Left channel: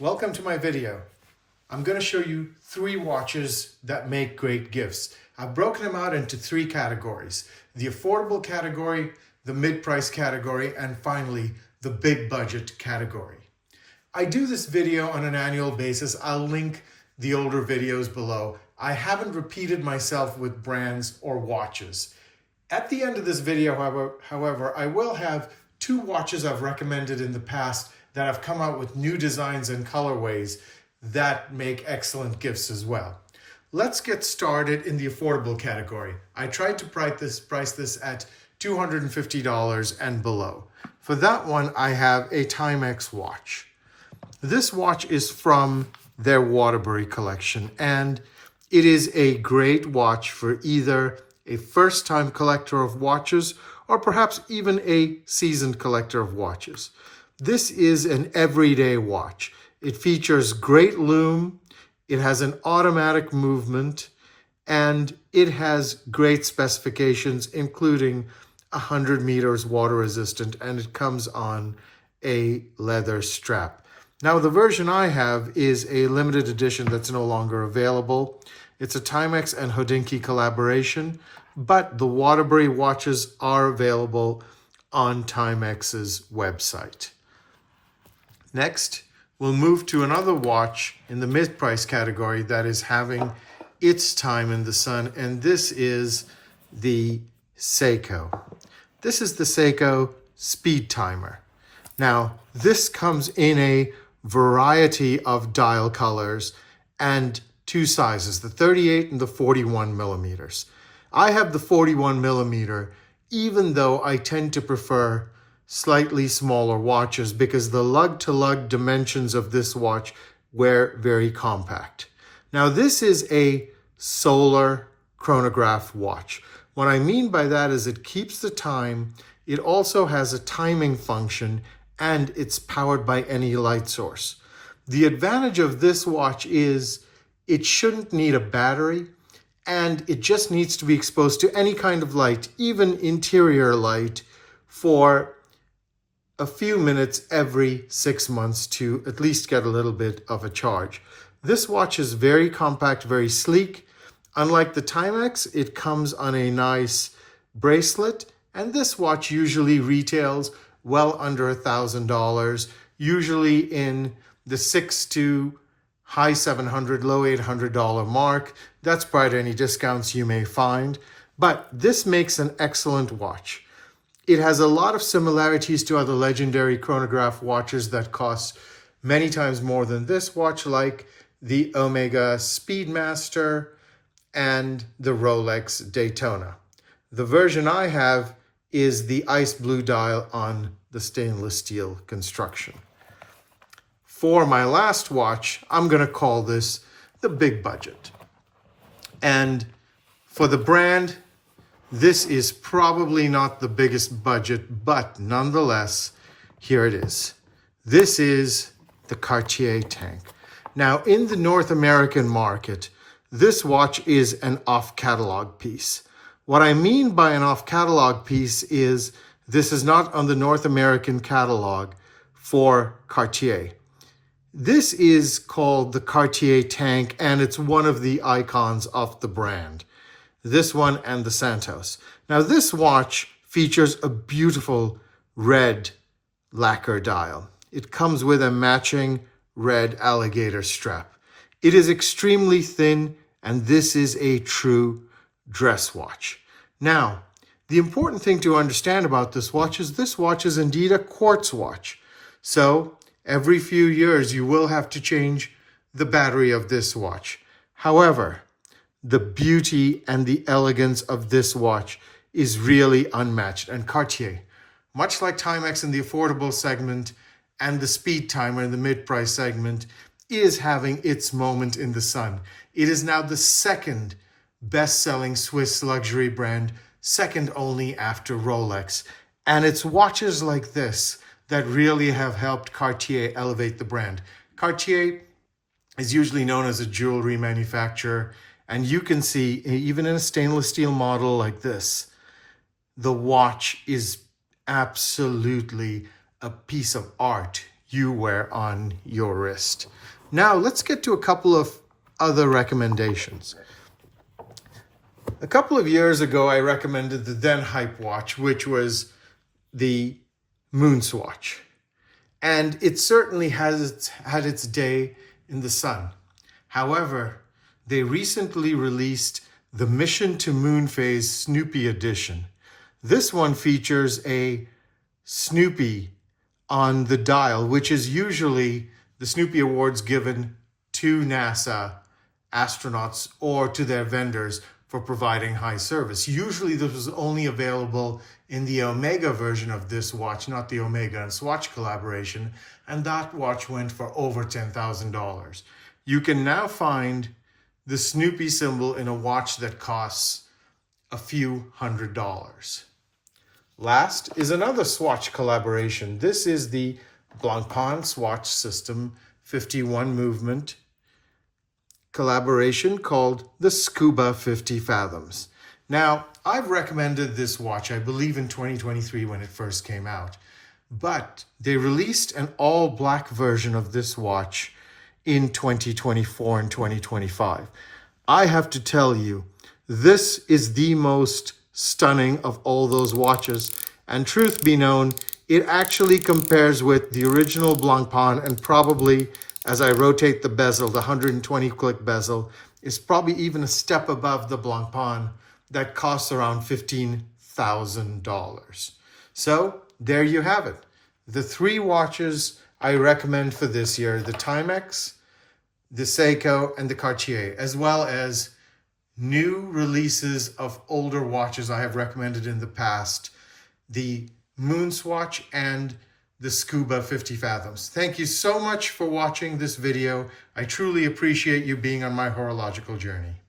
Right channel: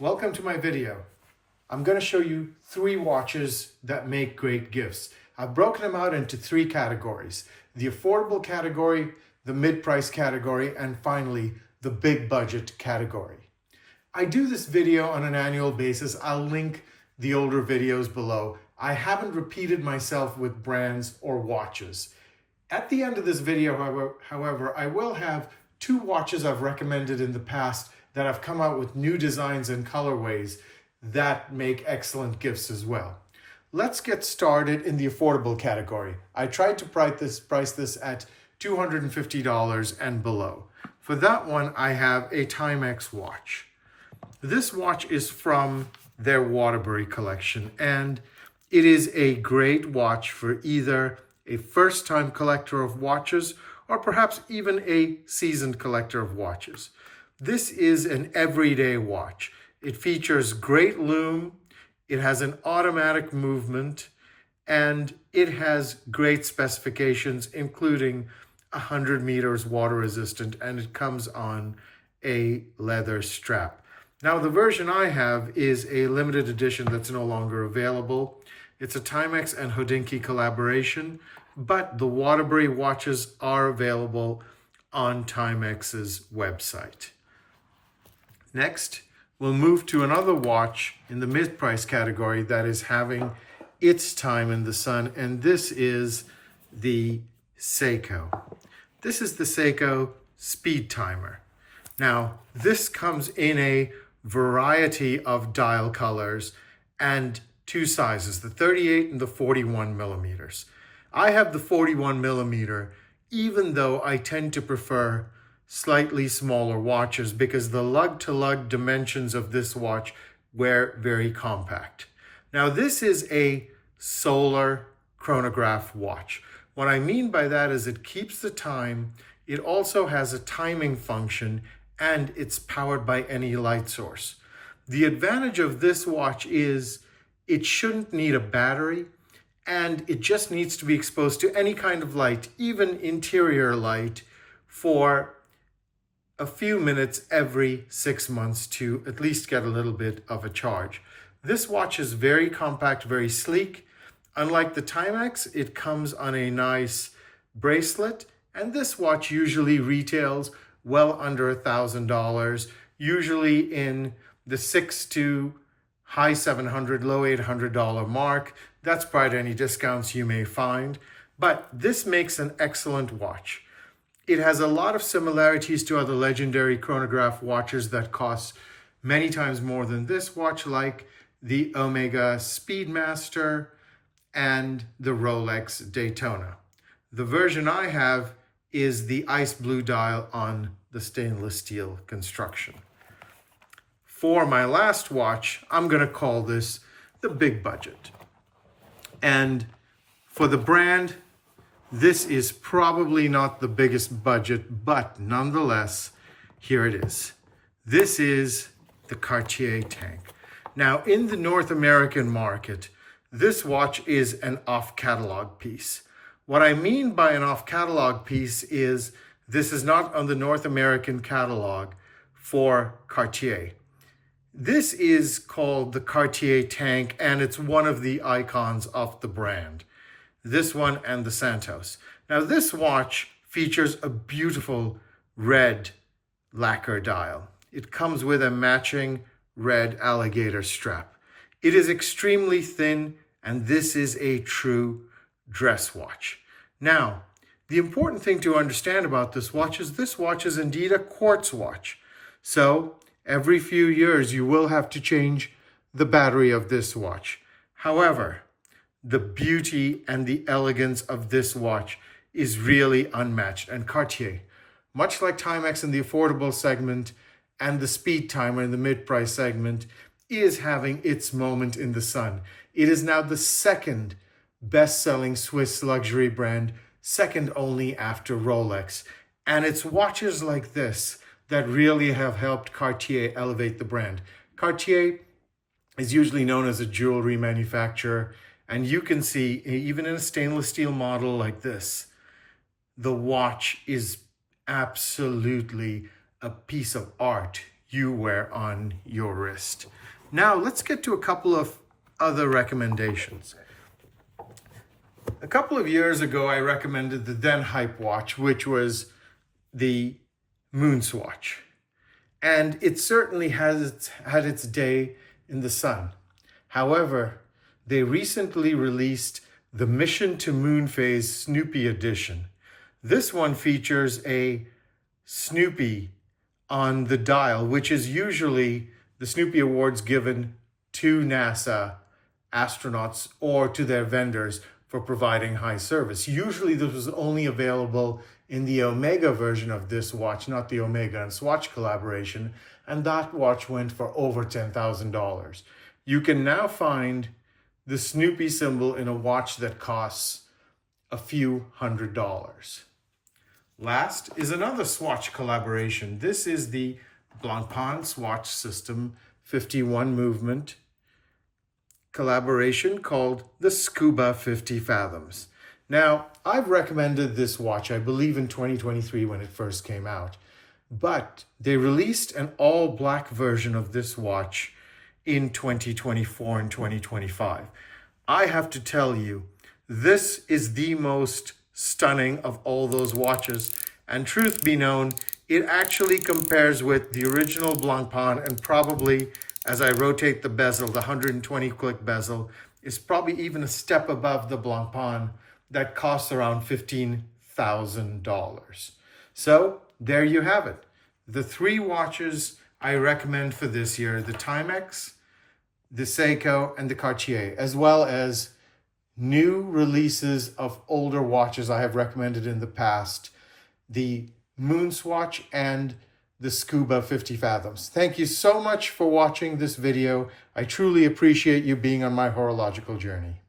Welcome to my video. I'm going to show you 3 watches that make great gifts. I've broken them out into 3 categories: the affordable category, the mid-price category, and finally the big budget category. I do this video on an annual basis. I'll link the older videos below. I haven't repeated myself with brands or watches. At the end of this video, however, I will have 2 watches I've recommended in the past that have come out with new designs and colorways that make excellent gifts as well. Let's get started in the affordable category. I tried to price this at $250 and below. For that one, I have a Timex watch. This watch is from their Waterbury collection, and it is a great watch for either a first-time collector of watches or perhaps even a seasoned collector of watches. This is an everyday watch. It features great lume, it has an automatic movement, and it has great specifications, including 100 meters water resistant, and it comes on a leather strap. Now, the version I have is a limited edition that's no longer available. It's a Timex and Hodinkee collaboration, but the Waterbury watches are available on Timex's website. Next, we'll move to another watch in the mid-price category that is having its time in the sun, and this is the Seiko. This is the Seiko Speedtimer. Now, this comes in a variety of dial colors and 2 sizes, the 38 and the 41 millimeters. I have the 41 millimeter, even though I tend to prefer slightly smaller watches because the lug-to-lug dimensions of this watch were very compact. Now, this is a solar chronograph watch. What I mean by that is it keeps the time, it also has a timing function, and it's powered by any light source. The advantage of this watch is it shouldn't need a battery, and it just needs to be exposed to any kind of light, even interior light, for a few minutes every 6 months to at least get a little bit of a charge. This watch is very compact, very sleek. Unlike the Timex, it comes on a nice bracelet, and this watch usually retails well under $1,000, usually in the $600 to high $700, low $800 mark. That's prior to any discounts you may find, but this makes an excellent watch. It has a lot of similarities to other legendary chronograph watches that cost many times more than this watch, like the Omega Speedmaster and the Rolex Daytona. The version I have is the ice blue dial on the stainless steel construction. For my last watch, I'm going to call this the big budget. And for the brand, this is probably not the biggest budget, but nonetheless, here it is. This is the Cartier tank. Now, in the North American market, this watch is an off-catalog piece. What I mean by an off-catalog piece is this is not on the North American catalog for Cartier. This is called the Cartier tank, and it's one of the icons of the brand. This one and the Santos. Now, this watch features a beautiful red lacquer dial. It comes with a matching red alligator strap. It is extremely thin, and this is a true dress watch. Now, the important thing to understand about this watch is indeed a quartz watch. So, every few years, you will have to change the battery of this watch. However, the beauty and the elegance of this watch is really unmatched. And Cartier, much like Timex in the affordable segment and the Speedtimer in the mid-price segment, is having its moment in the sun. It is now the 2nd best-selling Swiss luxury brand, second only after Rolex. And it's watches like this that really have helped Cartier elevate the brand. Cartier is usually known as a jewelry manufacturer, and you can see, even in a stainless steel model like this, the watch is absolutely a piece of art. you wear on your wrist. Now let's get to a couple of other recommendations. A couple of years ago, I recommended the then hype watch, which was the MoonSwatch. And it certainly has had its day in the sun. However, they recently released the Mission to Moonphase Snoopy edition. This one features a Snoopy on the dial, which is usually the Snoopy awards given to NASA astronauts or to their vendors for providing high service. Usually this was only available in the Omega version of this watch, not the Omega and Swatch collaboration, and that watch went for over $10,000. You can now find the Snoopy symbol in a watch that costs a few $100s. Last is another Swatch collaboration. This is the Blancpain Swatch System 51 movement collaboration called the Scuba 50 Fathoms. Now, I've recommended this watch, I believe in 2023 when it first came out, but they released an all black version of this watch in 2024 and 2025. I have to tell you, this is the most stunning of all those watches, and truth be known, it actually compares with the original Blancpain, and probably, as I rotate the bezel, the 120 click bezel, is probably even a step above the Blancpain that costs around $15,000. So there you have it. The three watches I recommend for this year: the Timex, the Seiko, and the Cartier, as well as new releases of older watches I have recommended in the past, the MoonSwatch and the Scuba 50 Fathoms. Thank you so much for watching this video. I truly appreciate you being on my horological journey.